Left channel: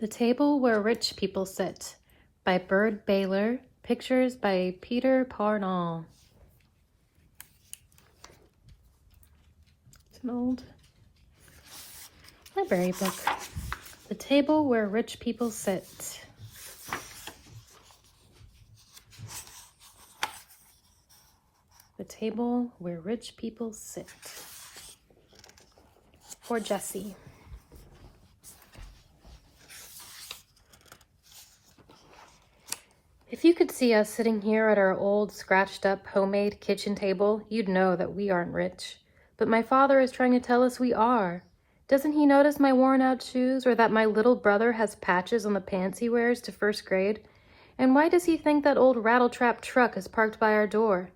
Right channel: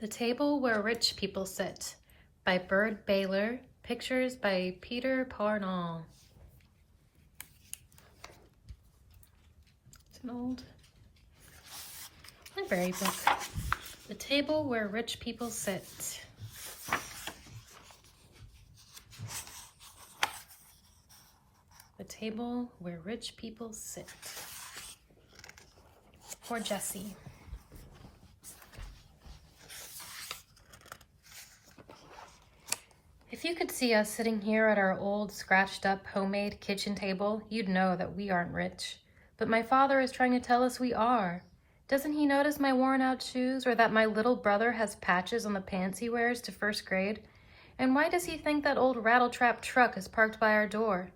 The Table Where Rich People Sit by Bird Baylor. Pictures by Peter Parnell. It's an old library book. The Table Where Rich People Sit. The Table Where Rich People Sit. For Jessie. If you could see us sitting here at our old, scratched-up, homemade kitchen table, you'd know that we aren't rich. But my father is trying to tell us we are. Doesn't he notice my worn-out shoes, or that my little brother has patches on the pants he wears to first grade? And why does he think that old rattletrap truck is parked by our door?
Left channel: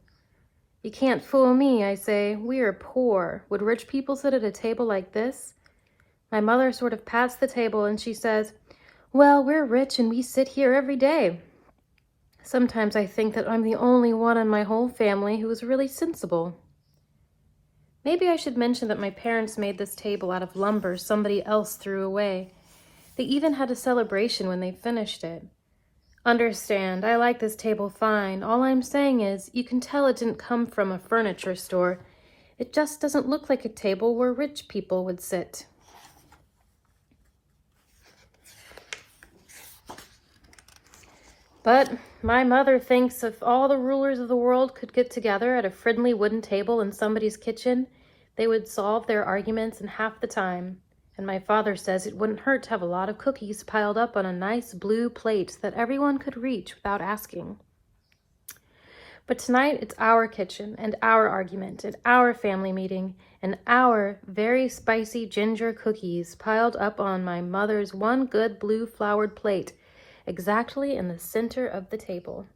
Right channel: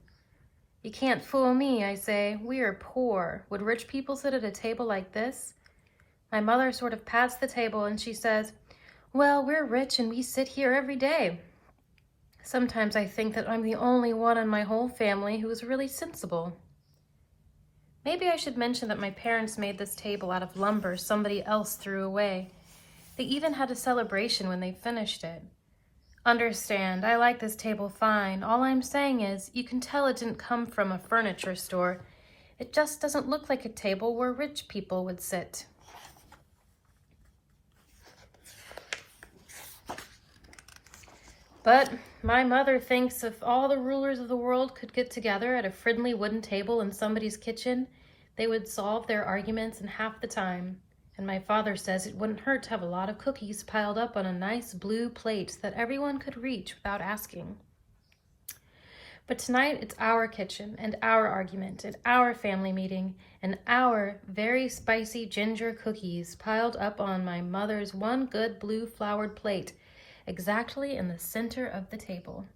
You can't fool me, I say. We are poor. Would rich people sit at a table like this? My mother sort of passed the table and she says, "Well, we're rich and we sit here every day." Sometimes I think that I'm the only one in my whole family who is really sensible. Maybe I should mention that my parents made this table out of lumber somebody else threw away. They even had a celebration when they finished it. Understand, I like this table fine. All I'm saying is, you can tell it didn't come from a furniture store. It just doesn't look like a table where rich people would sit. But my mother thinks if all the rulers of the world could get together at a friendly wooden table in somebody's kitchen, they would solve their arguments in half the time. And my father says it wouldn't hurt to have a lot of cookies piled up on a nice blue plate that everyone could reach without asking. But tonight it's our kitchen and our argument and our family meeting and our very spicy ginger cookies piled up on my mother's one good blue flowered plate, exactly in the center of the table.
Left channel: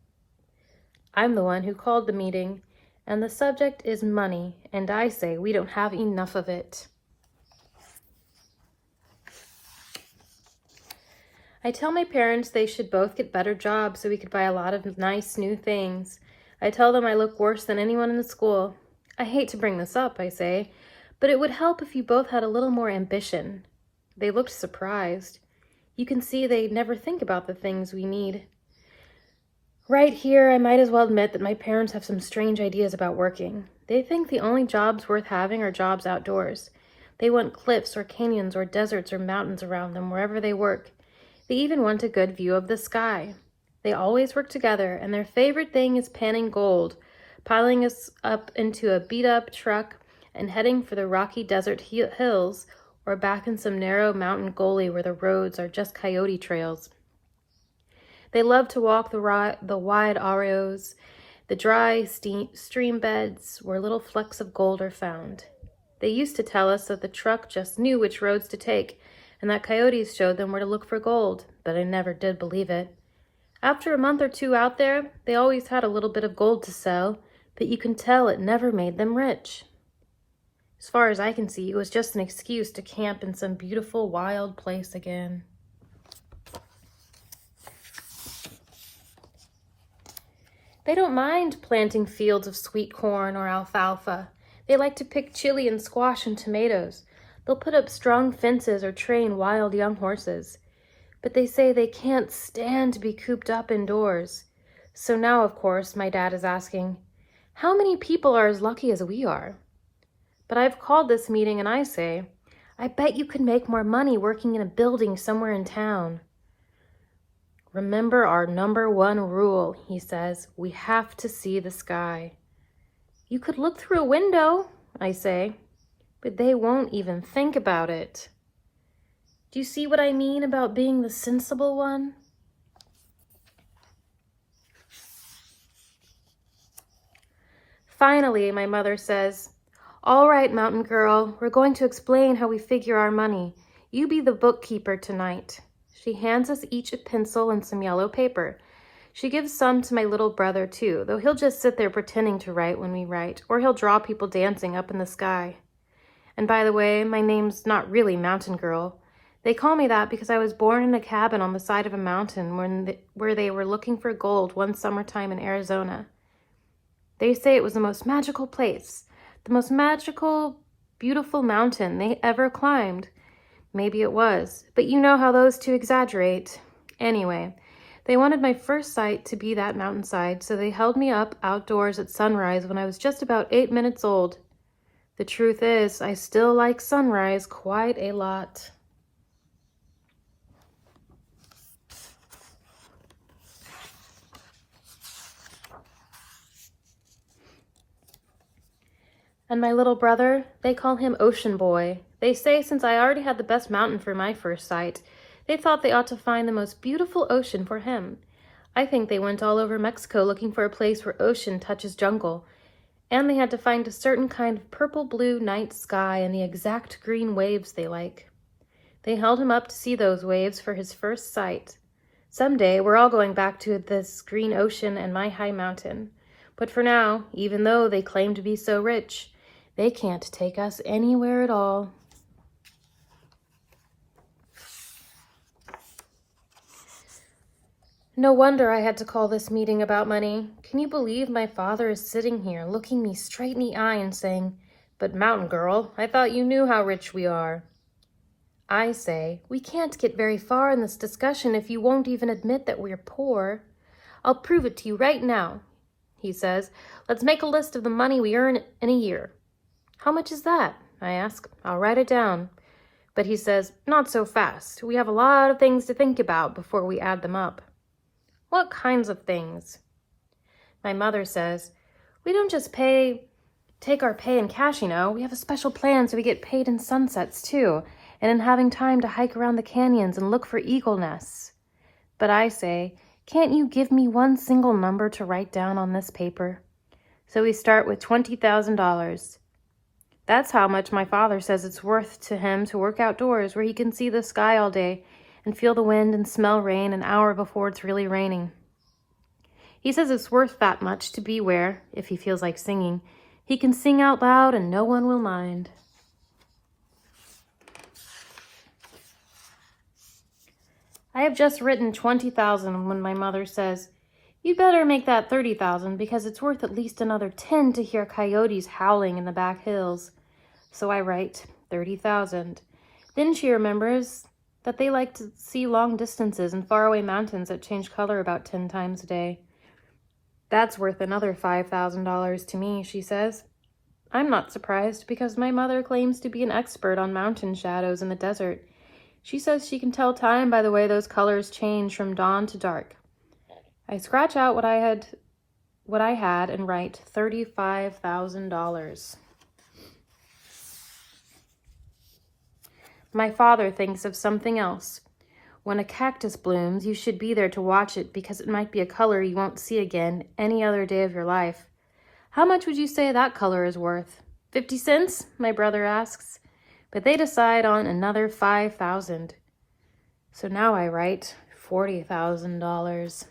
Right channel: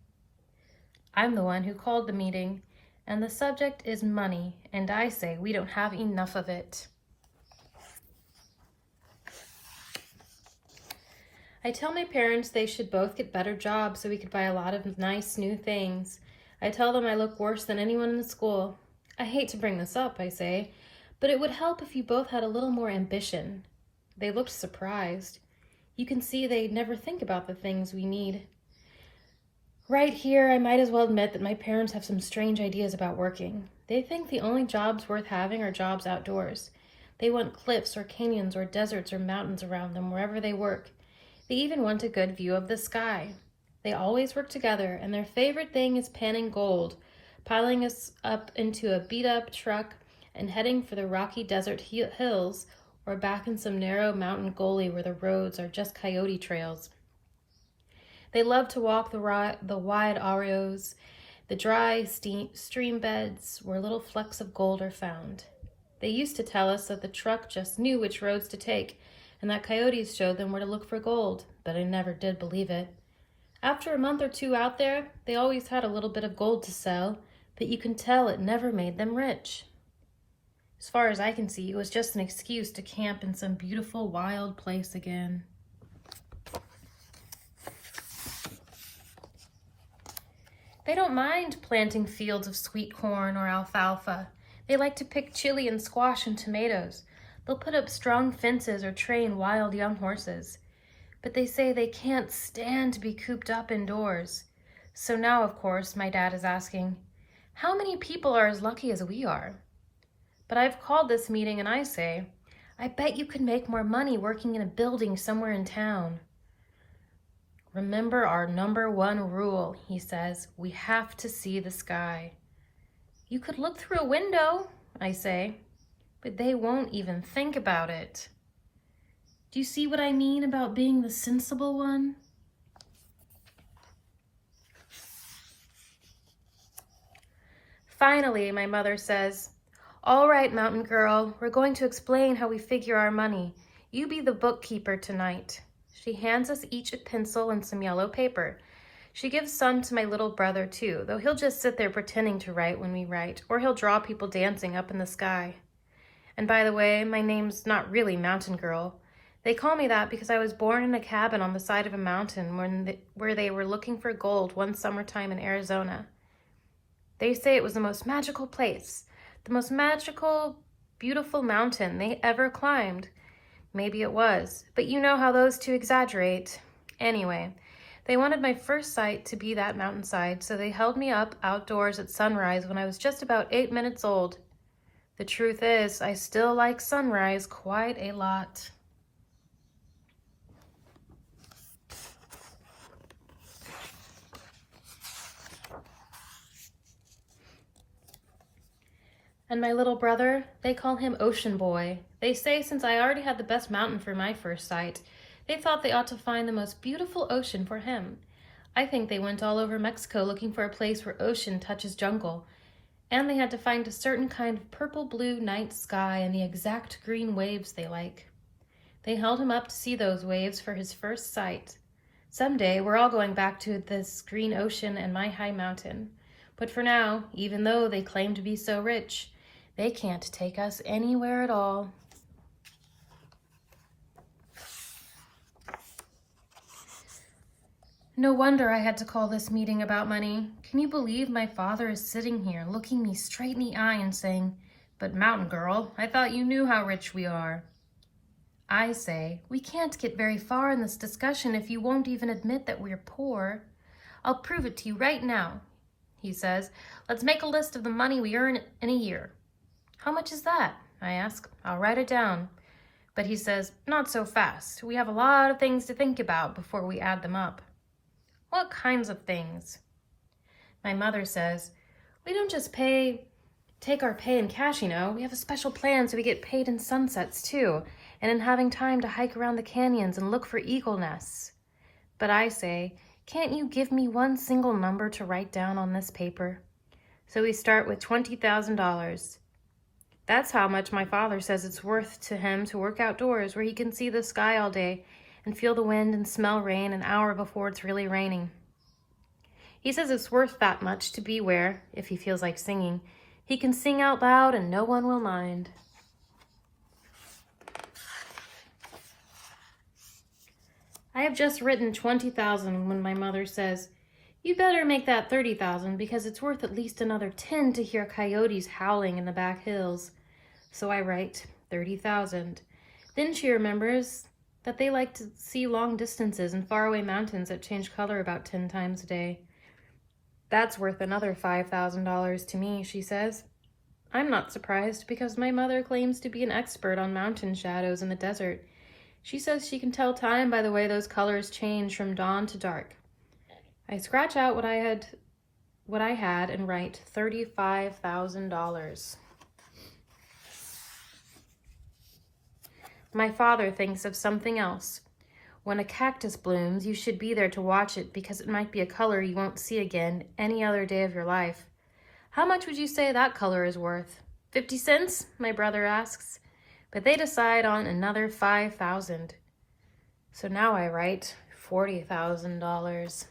I'm the one who called the meeting, and the subject is money, and I say we don't have enough of it. I tell my parents they should both get better jobs so we could buy a lot of nice new things. I tell them I look worse than anyone in the school. I hate to bring this up, I say, but it would help if you both had a little more ambition. They looked surprised. You can see they never think about the things we need. Right here, I might as well admit that my parents have some strange ideas about working. They think the only jobs worth having are jobs outdoors. They want cliffs or canyons or deserts or mountains around them wherever they work. They even want a good view of the sky. They always work together, and their favorite thing is panning gold, piling us up into a beat-up truck and heading for the rocky desert hills or back in some narrow mountain gully where the roads are just coyote trails. They love to walk the wide arroyos, the dry stream beds where little flecks of gold are found. They used to tell us that the truck just knew which roads to take and that coyotes showed them where to look for gold, but I never did believe it. After a month or two out there, they always had a little bit of gold to sell, but you can tell it never made them rich. As far as I can see, it was just an excuse to camp in some beautiful wild place again. They don't mind planting fields of sweet corn or alfalfa. They like to pick chili and squash and tomatoes. They'll put up strong fences or train wild young horses. But they say they can't stand to be cooped up indoors. So now, of course, my dad is asking, how many people are as lucky as we are? But I've called this meeting and I say, I bet you could make more money working in a building somewhere in town. Remember our number one rule, he says, we have to see the sky. You could look through a window, I say, but they won't even think about it. Do you see what I mean about being the sensible one? Finally, my mother says, all right, mountain girl, we're going to explain how we figure our money. You be the bookkeeper tonight. She hands us each a pencil and some yellow paper. She gives some to my little brother too, though he'll just sit there pretending to write when we write, or he'll draw people dancing up in the sky. And by the way, my name's not really Mountain Girl. They call me that because I was born in a cabin on the side of a mountain where they were looking for gold one summertime in Arizona. They say it was the most magical place, the most magical, beautiful mountain they ever climbed. Maybe it was, but you know how those two exaggerate. Anyway, they wanted my first sight to be that mountainside, so they held me up outdoors at sunrise when I was just about 8 minutes old. The truth is, I still like sunrise quite a lot. And my little brother, they call him Ocean Boy. They say since I already had the best mountain for my first sight, they thought they ought to find the most beautiful ocean for him. I think they went all over Mexico looking for a place where ocean touches jungle, and they had to find a certain kind of purple-blue night sky and the exact green waves they like. They held him up to see those waves for his first sight. Someday, we're all going back to this green ocean and my high mountain. But for now, even though they claim to be so rich, they can't take us anywhere at all. No wonder I had to call this meeting about money. Can you believe my father is sitting here, looking me straight in the eye and saying, "But Mountain Girl, I thought you knew how rich we are." I say, "We can't get very far in this discussion if you won't even admit that we're poor." "I'll prove it to you right now," he says. "Let's make a list of the money we earn in a year." "How much is that?" I ask. "I'll write it down." But he says, "Not so fast. We have a lot of things to think about before we add them up." "What kinds of things?" My mother says, "We don't just take our pay in cash, you know. We have a special plan so we get paid in sunsets too, and in having time to hike around the canyons and look for eagle nests." But I say, "Can't you give me one single number to write down on this paper?" So we start with $20,000. That's how much my father says it's worth to him to work outdoors where he can see the sky all day and feel the wind and smell rain an hour before it's really raining. He says it's worth that much to be where, if he feels like singing, he can sing out loud and no one will mind. I have just written $20,000 when my mother says, "You better make that $30,000 because it's worth at least another 10 to hear coyotes howling in the back hills." So I write $30,000. Then she remembers that they like to see long distances and faraway mountains that change color about 10 times a day. "That's worth another $5,000 to me," she says. I'm not surprised because my mother claims to be an expert on mountain shadows in the desert. She says she can tell time by the way those colors change from dawn to dark. I scratch out what I had and write $35,000. My father thinks of something else. When a cactus blooms, you should be there to watch it because it might be a color you won't see again any other day of your life. "How much would you say that color is worth?" 50 cents, my brother asks. But they decide on another $5,000. So now I write $40,000.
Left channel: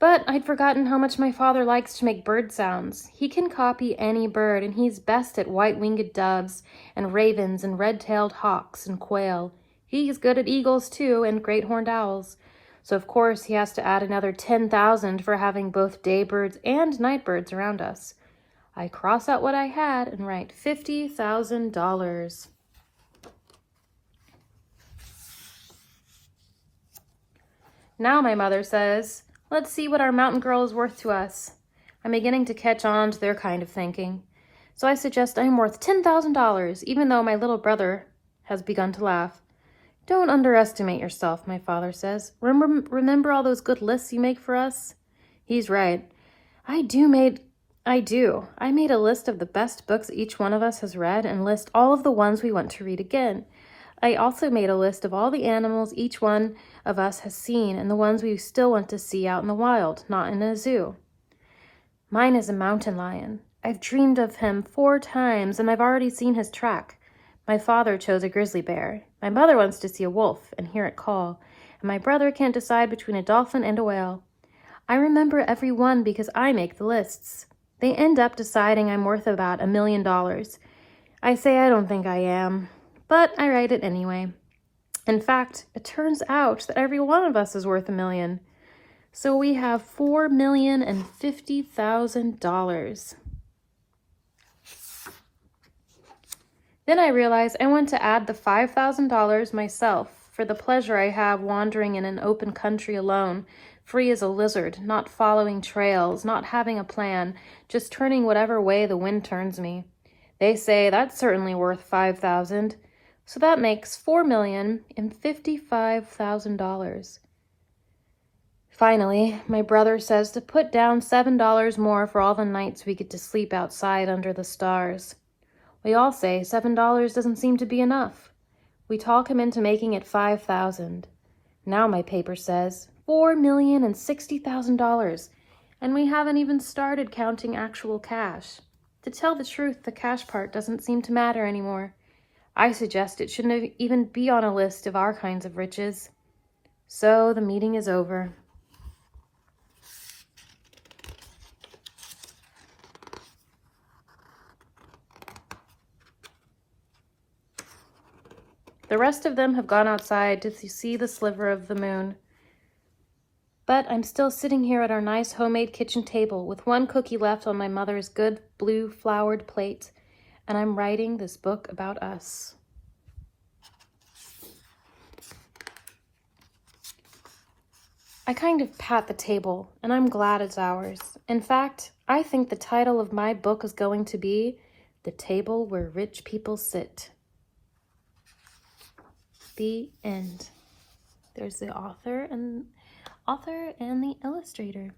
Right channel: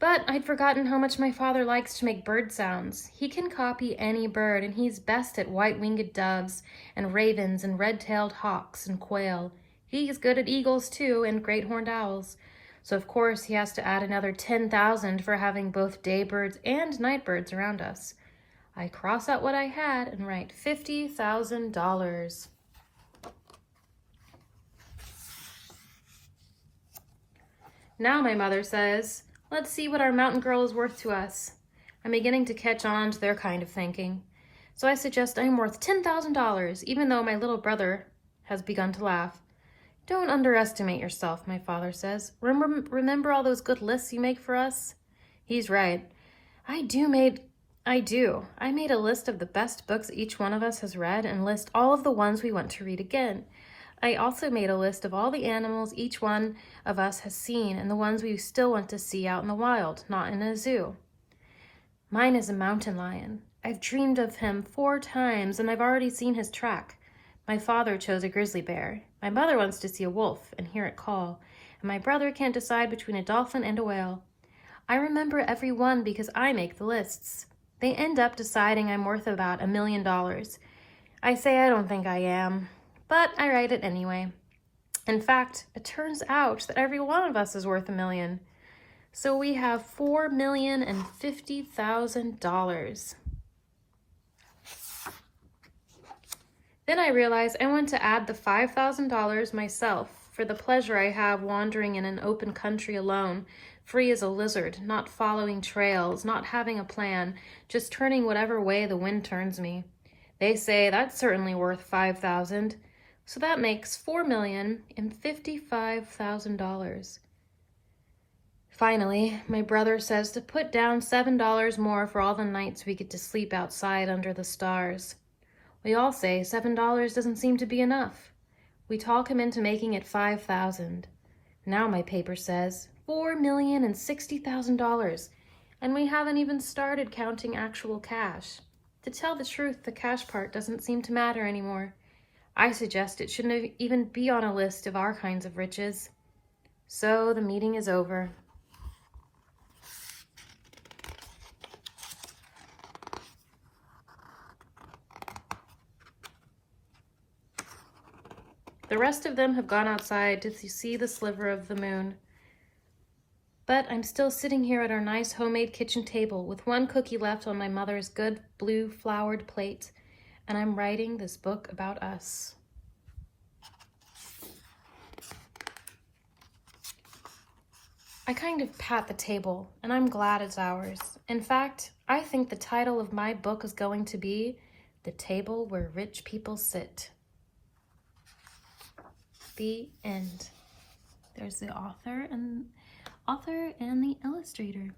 But I'd forgotten how much my father likes to make bird sounds. He can copy any bird, and he's best at white-winged doves and ravens and red-tailed hawks and quail. He's good at eagles, too, and great-horned owls. So, of course, he has to add another $10,000 for having both day birds and night birds around us. I cross out what I had and write $50,000. Now, my mother says, "Let's see what our mountain girl is worth to us." I'm beginning to catch on to their kind of thinking. So I suggest I'm worth $10,000, even though my little brother has begun to laugh. "Don't underestimate yourself," my father says. Remember all those good lists you make for us?" He's right. I made a list of the best books each one of us has read and list all of the ones we want to read again. I also made a list of all the animals each one of us has seen and the ones we still want to see out in the wild, not in a zoo. Mine is a mountain lion. I've dreamed of him 4 times and I've already seen his track. My father chose a grizzly bear. My mother wants to see a wolf and hear it call. And my brother can't decide between a dolphin and a whale. I remember every one because I make the lists. They end up deciding I'm worth about $1 million. I say I don't think I am, but I write it anyway. In fact, it turns out that every one of us is worth $1 million. So we have $4,050,000. Then I realized I want to add the $5,000 myself for the pleasure I have wandering in an open country alone, free as a lizard, not following trails, not having a plan, just turning whatever way the wind turns me. They say that's certainly worth $5,000, so that makes $4,055,000. Finally, my brother says to put down $7 more for all the nights we get to sleep outside under the stars. We all say $7 doesn't seem to be enough. We talk him into making it $5,000. Now my paper says $4,060,000, and we haven't even started counting actual cash. To tell the truth, the cash part doesn't seem to matter anymore. I suggest it shouldn't even be on a list of our kinds of riches. So the meeting is over. The rest of them have gone outside to see the sliver of the moon. But I'm still sitting here at our nice homemade kitchen table with one cookie left on my mother's good blue flowered plate, and I'm writing this book about us. I kind of pat the table, and I'm glad it's ours. In fact, I think the title of my book is going to be The Table Where Rich People Sit. The end. There's the author and the illustrator.